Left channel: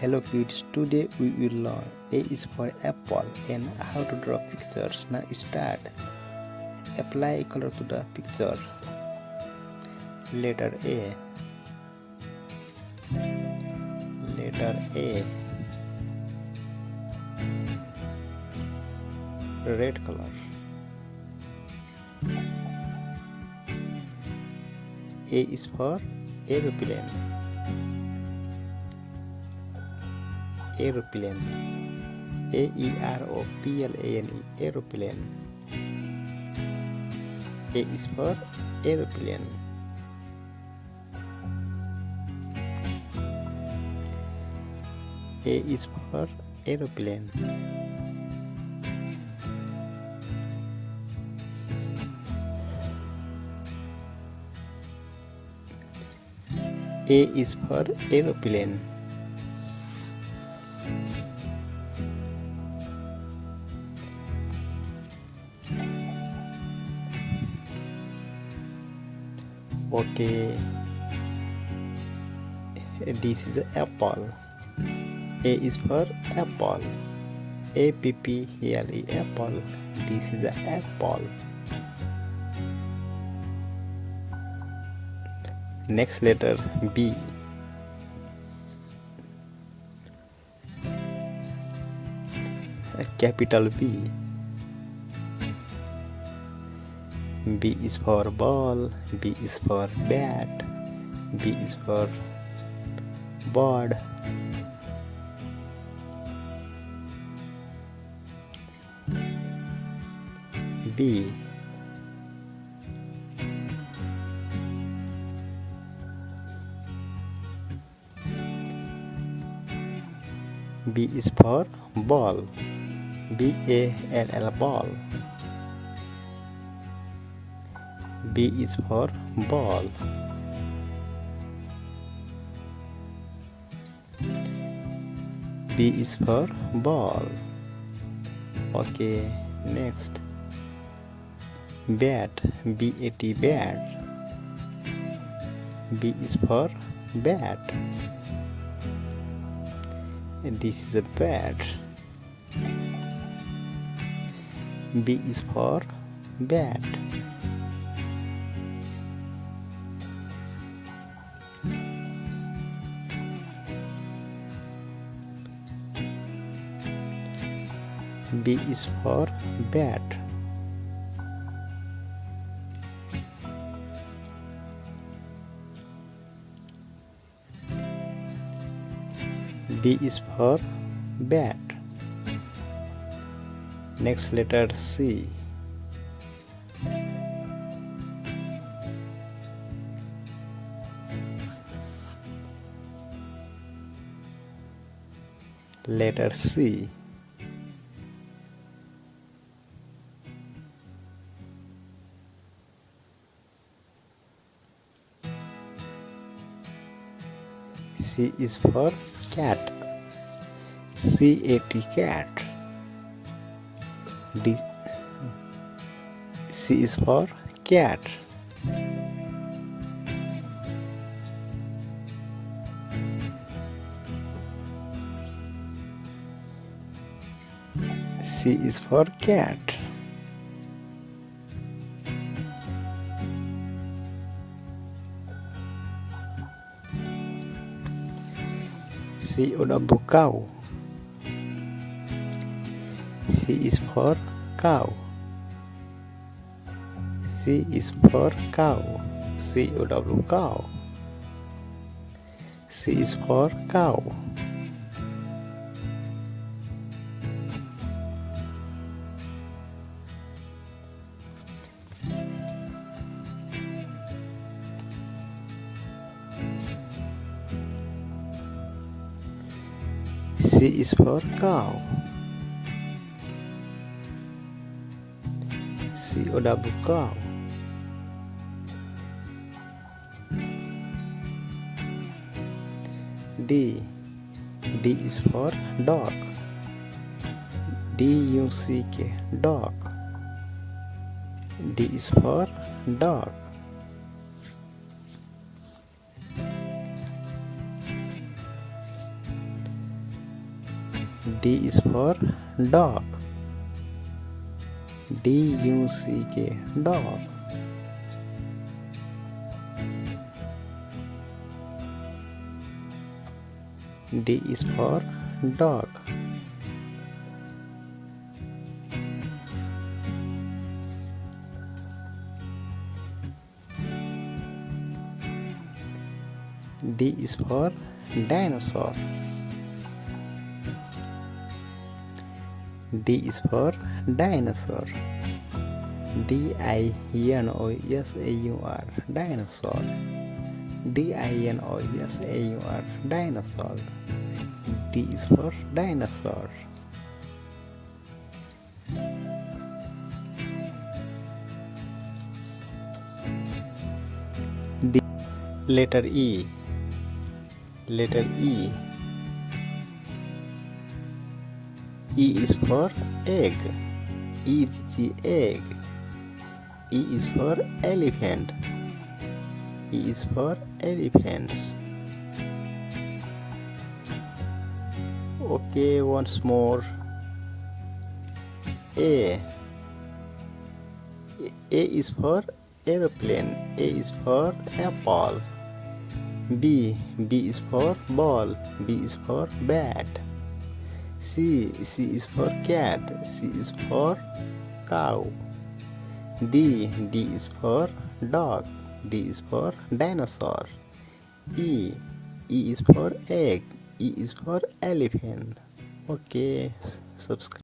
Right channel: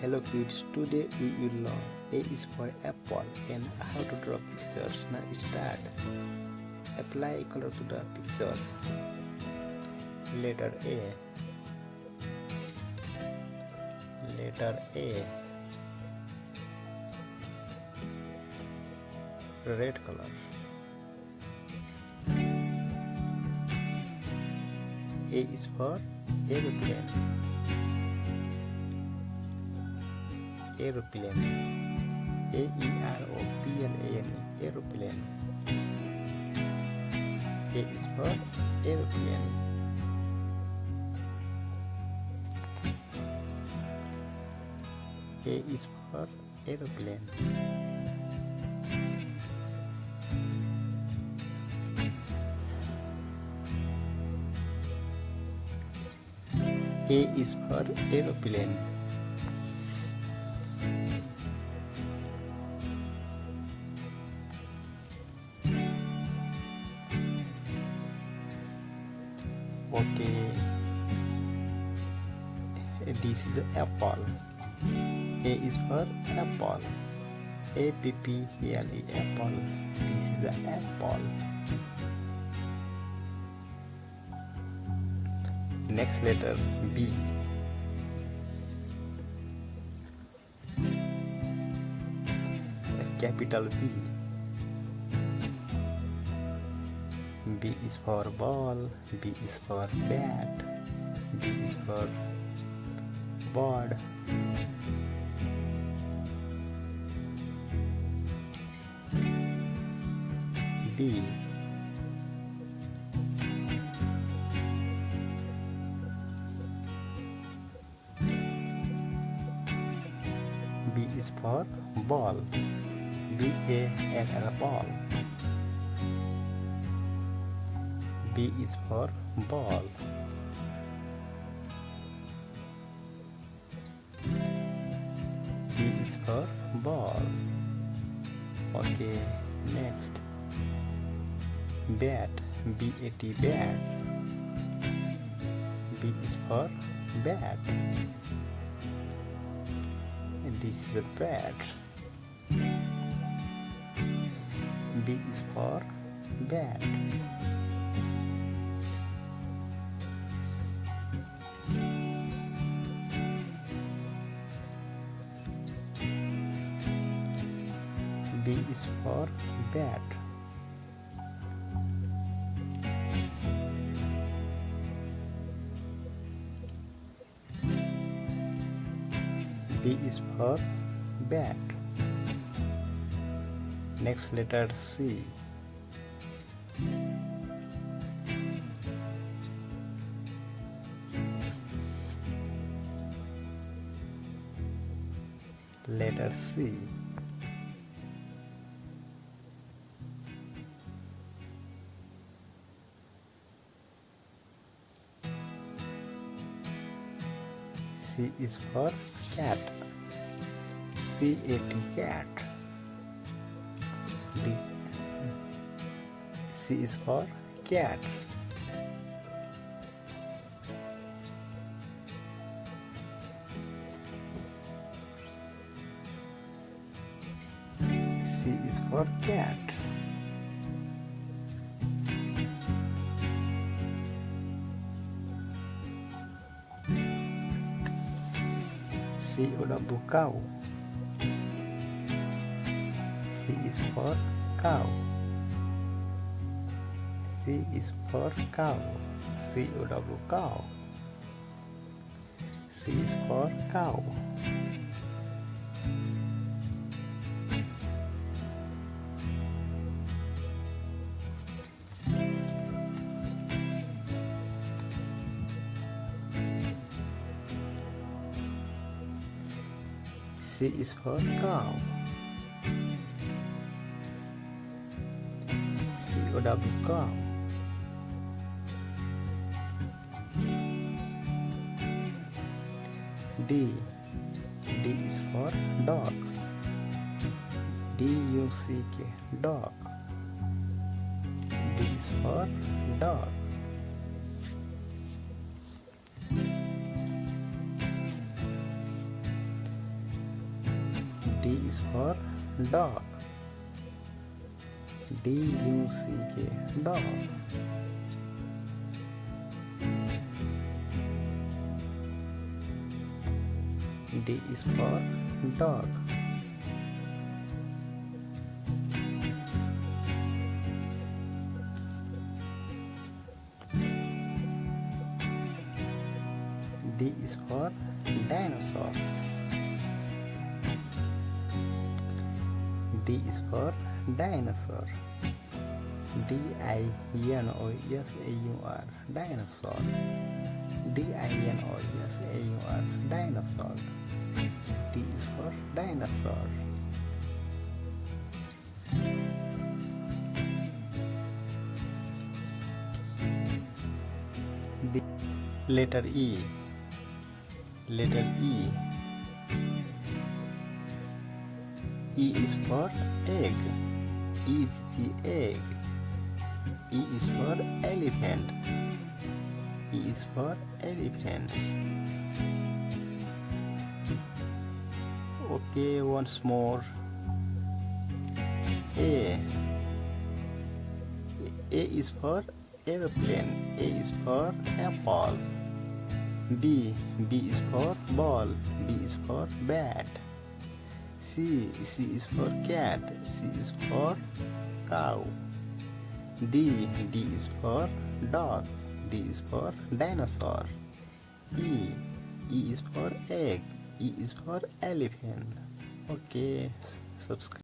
Hello kids, today we will learn A is for apple and how to draw pictures. Now start. Apply color to the picture. Letter A. Letter A. Red color. A is for aeroplane. Aeroplane. Aeroplane. Aeroplane. A is for aeroplane. A is for aeroplane. A is for aeroplane. Okay, this is an apple. A is for apple. Apple, apple. This is an apple. Next letter B. A capital B. B is for ball. B is for bat. B is for bird. B. B is for ball. BALL ball. B is for ball. B is for ball. Okay, next. Bat. BAT bat. B is for bat. And this is a bat. B is for bat. B is for bat. B is for bat. Next letter C. Letter C. C is for cat. CAT cat. D. C is for cat. C is for cat. Cow. C is for cow. C is for cow. cow. C is for cow. C is for cow. cow. D. D is for dog. DUCK dog. D is for dog. D is for dog. D-U-C-K, dog. D is for dog. D is for dinosaur. D is for dinosaur. D-I-N-O-S-A-U-R, dinosaur. D-I-N-O-S-A-U-R, dinosaur. D is for dinosaur. D. Letter E. Letter E. E is for egg. E is the egg. E is for elephant. E is for elephant. Okay, once more. A. A is for aeroplane. A is for apple. B. B is for ball. B is for bat. C. C is for cat. C is for cow. D. D is for dog. D is for dinosaur. E. E is for egg. E is for elephant. Okay, subscribe.